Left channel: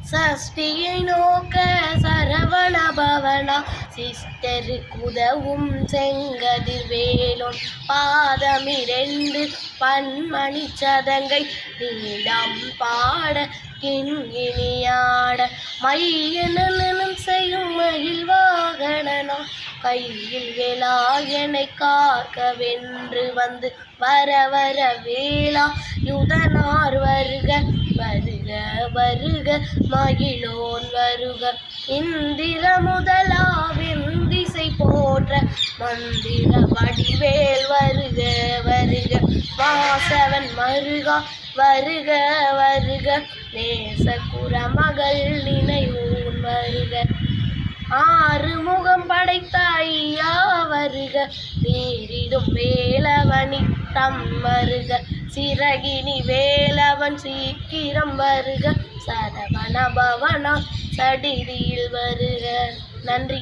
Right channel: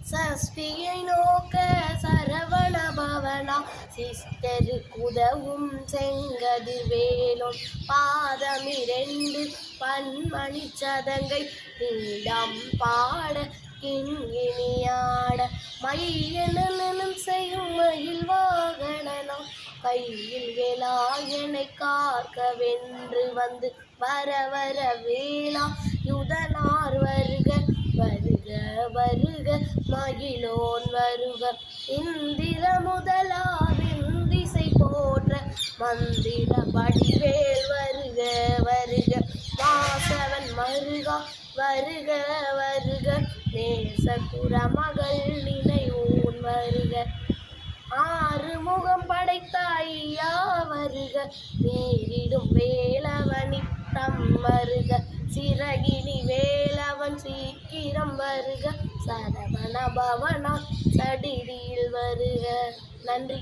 சஷ்டியை நோக்க சரவண பவனா சிஸ்டருக்கு உதவும் செங்கதிர் வேலோன் பாதமிரண்டு பன்மணி சதங்கை நீடம் பாட கிண்கிணியாட மையனும் செய்யும் மயில் வாகனனா கையில் வேலாயனை காக்க வென்று வந்து வர வர வேளா யுதனார் வருக வருக வருக மகிழோன் வருக இந்திர முதலா வெந்திசை போற்ற மந்திர வடிவேல் வருக வருக வாசவன் மருகா வருக வருக நேச குரமகள் நினைவூன் வருக ஆறுமுகம் படைத்த ஐயா வருக நீரிடும் வேலவனி தம் வருக சிறகினி வேலவன் சீக்கிரம் வருக சரவண பவனா சடிதியில் வருக. நன்றி.